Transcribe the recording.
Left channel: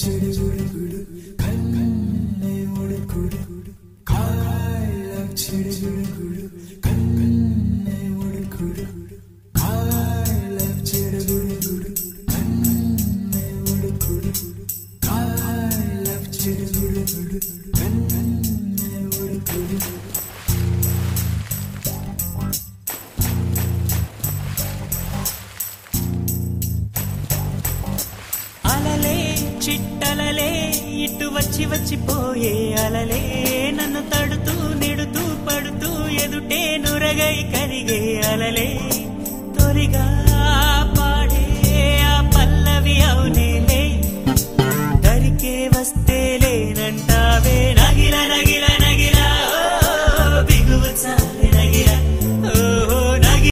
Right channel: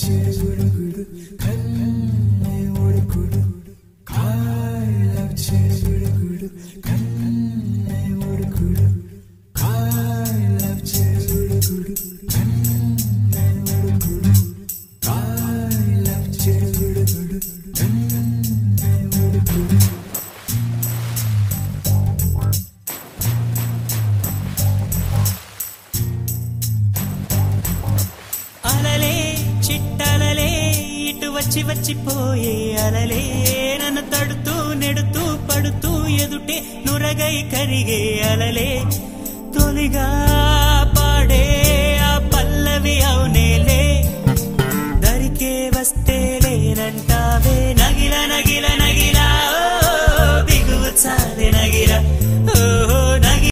చిరుగుడు కన్నే ఉడుకుడు I love చిరుగుడు కన్నే ఉడుకుడు I love చిరుగుడు కన్నే ఉడుకుడు I love చిరుగుడు కన్నే ఉడుకుడు వచ్చి వచ్చిపోయే అలలే నన్ను తడుతూ నెడుతూ పడుతూ ఎదుటే నురగై కరిగే అలలే తొలిగా